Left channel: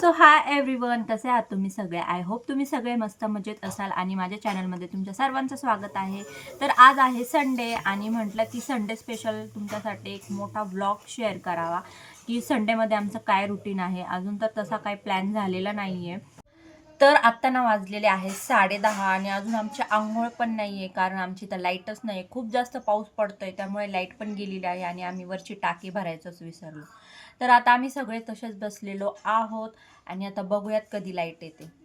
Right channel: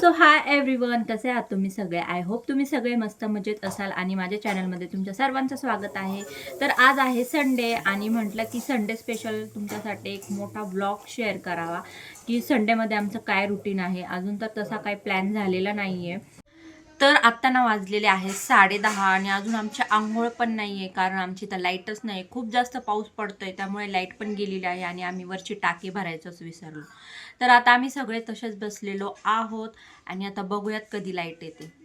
So hi everyone, कसे आहात तुम्ही सगळे? आय होप तुम्ही सगळे मस्त मजेत असाल आणि माझ्या चॅनलमध्ये तुमच्या सर्वांचं स्वागत आहे. तर आज आहे संडे आणि म्हटलं की संडे स्पेशल तुमच्यासाठी एक मोठा व्लॉग शेअर करावा की संडेमध्ये आमचं काय रुटीन आहे. अजून तर तसा काही प्लॅन झालेला नाही आहे. तर आत्ता ना वाजलेले आहे 10:30 आणि अजून आमची अंघोळ पण नाही आहे, कारण आमची तर लाईटच नाही. खूप जास्त पाऊस पडतोय त्यामुळे लाईट पण गेलेली आहे आणि आम्ही वरची टाकी भरायचंच विसरलो. तर आता आम्ही सगळे तसेच बसलेलो आहोत आणि आता बघूयात कधी लाईट येते.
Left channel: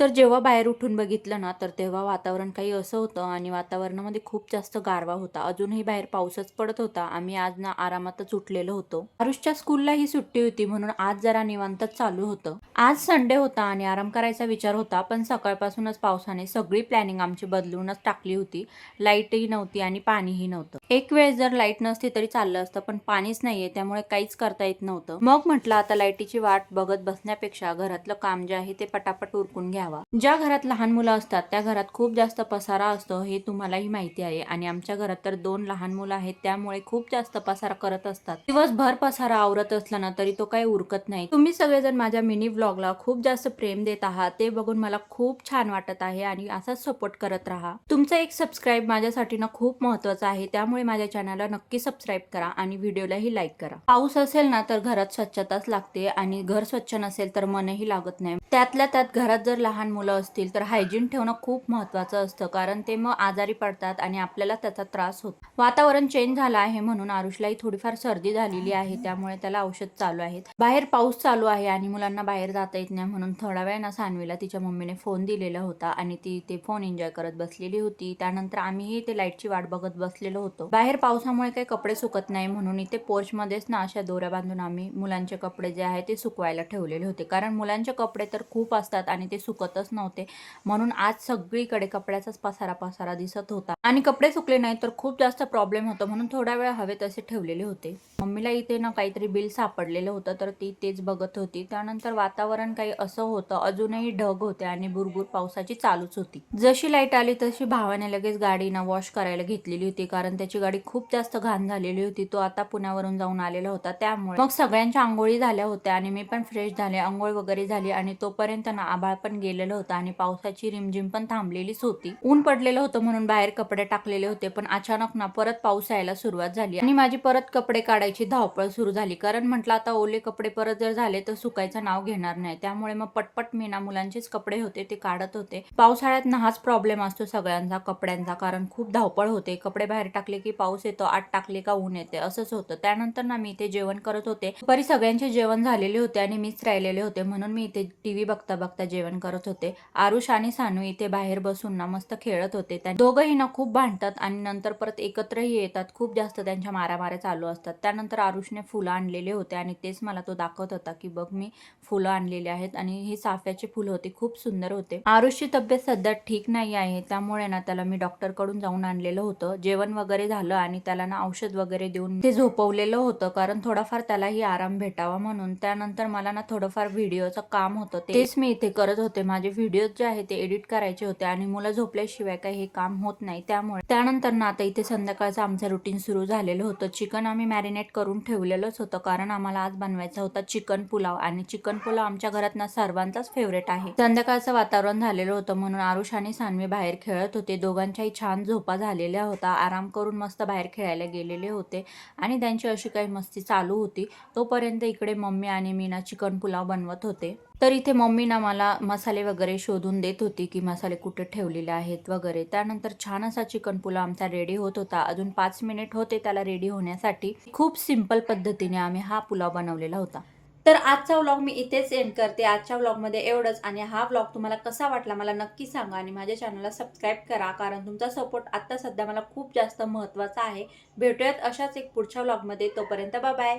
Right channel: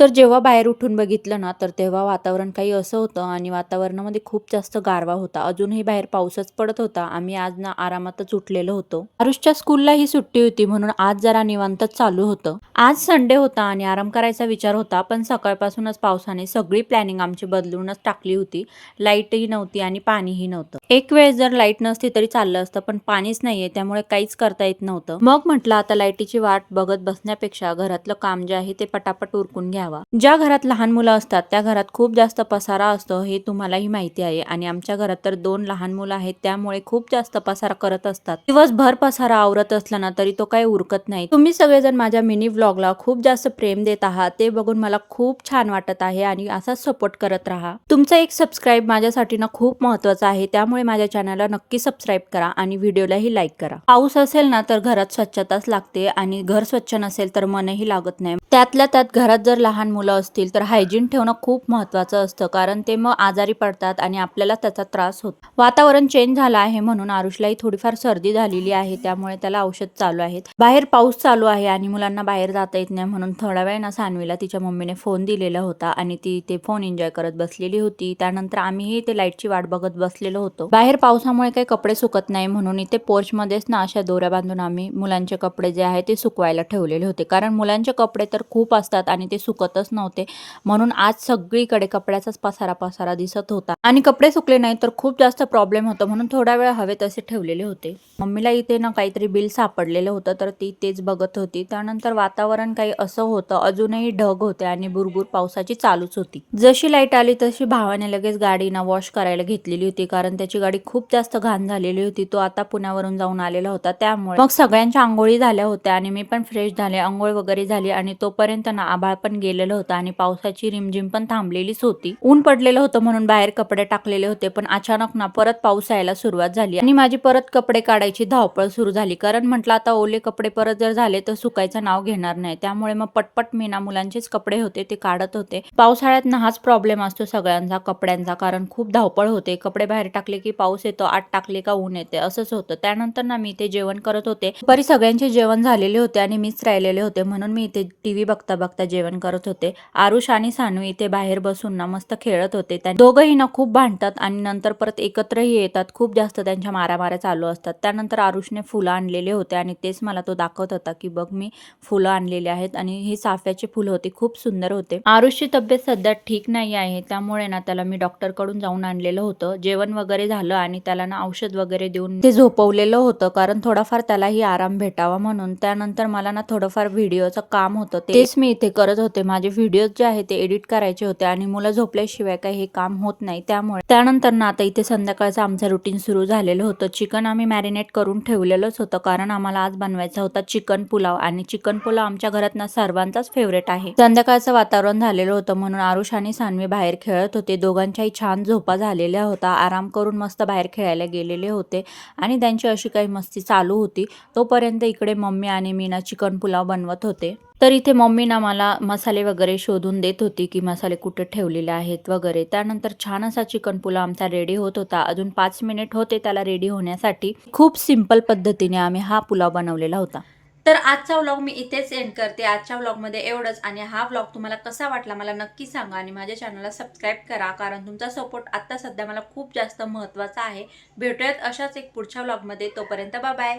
तर जेव्हा बाहेर उठून बघितलं ना, तर तेव्हा वातावरण काही असं होतं आणि वातावरणामध्ये खूप जास्त गारवा होता. अजूनही बाहेर पाऊसच पडत होता. आम्ही आज ना आरामातच उठलेलो होतो. आरुषच्या स्कूलला ही सुट्टी होती म्हणून आज जरा निवांतच चालू होतं. आज संडे होता आणि आराम करायचा विचार होता, पण सकाळपासूनच पावसाने सगळी प्लॅनिंग आमची बदलूनच टाकली होती. लाईटही नव्हती आणि पाणीही नव्हतं. एक वेळ जर लाईट नसती तरी चाललं असतं, पण पाणीच नाहीये त्यामुळे काहीच करता येत नव्हतं. मग म्हटलं आता लाईटीची वाट बघत बसण्यापेक्षा घरातलं काम जे आहे ते पटापट उरकून घ्यावं. ज्या घरात लहान मुलं असतात त्या घरात खूप जास्त पसारा असतो हे तुम्हालाही माहिती आहे आणि आमच्या घरात तर 2 लहान मुलं आहेत त्यामुळे खूप जास्त पसारा करत असतात. दिवसभर पसारा आवरत असला ना तरी तो काही उरकत नाही. तुम्ही सगळेजण माझ्या मिनी व्लॉगला खूप जास्त प्रेम देत आहात, ते बघून मला खूप छान वाटत आहे आणि असाच सपोर्ट करत राहा. तुमचा एक सबस्क्राईब माझ्यासाठी ना खूप महत्त्वाचा आहे, त्यामुळे माझ्या चॅनलला नक्की सबस्क्राईब करा आणि व्हिडिओलाही लाईक करा. पाऊस असेल ना तर घरात स्वच्छताच लागते आणि घर स्वच्छ नसेल तर मनही लागत नाही. त्यातल्या त्यात घरात जर लहान मुलं असतील तर हायजीन ठेवणं खूप महत्त्वाचं असतं, कारण ते मग आजारी पडतात आणि आपल्याला त्याचा त्रास होतो. वातावरण चेंज झालं आहे म्हणून आरुषलाही थोडीफार सर्दी झालेली आहे, त्यामुळे त्याला औषध चालू आहेत. बाहेर पाऊस चालू आहे आणि मुलांना बाहेर जाता येत नाही म्हणून थोडा वेळ ना सानवीला तिच्या मम्मीने फोन दिलेला होता आणि ती ते फोन एन्जॉय करत बसलेली होती. त्यानंतर आम्हीही ते लाईटची वाट बघत बसलेलो होतो. बाहेर पावसामुळे काही कपडे सुकत नाही म्हणून इथे पोर्चमध्येच ना अशा दोऱ्या बांधून आम्ही मुलांचे कपडे जे आहे ते सुकवायला ठेवलेले होते, कारण मुलांचे कपडे तर खूप असतात आणि ते सुकतच नव्हते. म्हणून आज सगळीकडे कपड्याचाच पसारा दिसत होता आणि कपडे सुकले नाही तर खूप जास्त प्रॉब्लेम होतो, म्हणून थोडा वेळ हवे तसे ठेवलेले होते. मम्मीला इथे ना काहीतरी बिल सापडलेलं होतं तर ती तेच बघत होती. त्यानंतर वातावरण काही असं होतं, अजूनही ढग होते आणि बुरबुर पावसाची चालूच होती. जशी लाईट आली तशी भावाने लगेच गाडी ना वॉश करायला घेतलेली होती, कारण त्याची गाडी खूप जास्त घाण झालेली होती. तो आता पुण्यावरून जाऊन आलेला होता, त्यामुळे मग सगळ्यांच्या आंघोळी झाल्या होत्या आणि मी पण फ्रेश झाले, आंघोळ वगैरे झाली आणि तोपर्यंत ना आभाळ पण गेलेलं होतं आणि पावसाची रिमझिम पण थांबलेलीच होती. ऊन पडलेलं होतं म्हणून बाहेर कपडे टाकलेले होते, पण अचानक ना परत पाऊस यायला सुरुवात झाली आणि माझी परत कपडे काढायची धावपळ सुरू झाली, कारण म्हटलं आता ओले कपडे परत जर झाले तर सुकायचं नाव घेणार नाही. त्यामुळे मग पटपट मी ना मुलांचेच कपडे होते ते काढत होते. पावसाळ्यात ना हाच प्रॉब्लेम असतो सगळ्यांचा कपड्यांचा, कारण खूप धावपळ होते. कपडे बाहेर टाकले की पाऊस येतो, आत टाकले का ऊन येते, असंच होतं. त्यानंतर ना मी इथे जेवण करत होते. दुपारी सगळ्यांचे जेवण झालेले होते आणि मीच राहिलेले होते, म्हणून मी इथे टीव्ही बघता बघता जेवण करत होते. आरुष आणि सानू इथे बाहेर बसून ना मस्त खेळत होते. दोघंही ना खूप भांडतात आणि नंतर परत एकत्रही येतात. खूप जास्त त्यांच्या मारामाऱ्या चालू असतात. त्यानंतर आरुषने फुलं आणलेले होते आणि तेच मला तो दाखवत होता की बघ मी फुलं आणलेली आहेत आणि ही चाफ्याची फुलं होती, खूप सुंदर होते. आरुषची तब्येत सध्या ठीक नाही आहे, त्यामुळे ना त्याला मी डॉक्टरकडून जाऊन आणलेलं होतं. जेवण वगैरे झालं आणि त्याला ना औषध वगैरे देऊन ते झोपवलेलं होतं, कारण थोडाफार त्यालाही आराम भेटावा म्हणून. त्यानंतर मला ना थोडंफार व्हिडिओचं काम होतं, तेच मी इथे करत होते. माझे व्हिडिओज जे आहे ते एडिट करायचे होते आणि मुलं झोपल्याशिवाय काही हे काम होत नाही, त्यामुळे. त्यानंतर ना आता इथे संध्याकाळचं आमचं रुटीन सुरू झालेलं होतं. चिकन आम्ही मॅरिनेट करून ठेवलेलंच होतं, कारण आम्हाला आज बनवायचा होता चिकन पुलाव आणि चिकन पुलाव आमच्या घरात ना सर्वांचाच फेवरेट आहे. संध्याकाळचं वातावरण झालेलं होतं म्हणून आरुष आणि सानवी बाहेर खेळत होते. दोघांच्याही छान झोपा झालेल्या होता. आराम करून मस्त बाहेर खेळायला गेलेले होते आणि त्यांची अशी काही मस्ती चालू होती. तोपर्यंत इकडे मम्मी आणि मी ना चिकन पुलाव बनवत होते. तर इथे मम्मी ना मला मसाले वगैरे शोधून देत होती की मसाले कुठे ठेवलेले आहेत वगैरे. त्यानंतर छान असा चिकन पुलाव आमचा रेडी होत होता. अजून 5 मिनिट होते त्याला रेडी होण्यासाठी. खूप सिंपल पद्धतीने आम्ही हा पुलाव बनवलेला होता. तर आजचा व्लॉग मी इथेच एंड करते. आजच्या व्लॉगमध्ये एवढंच आणि हा व्लॉग तुम्हाला कसा वाटला मला नक्की सांगा आणि माझ्या चॅनलला सबस्क्राईब करा, कारण तुमचा सपोर्ट आता सध्या मला खूप जास्त महत्त्वाचा आहे. भेटूयात अशाच एक पुढच्या व्लॉगमध्ये. तोपर्यंत बाय बाय.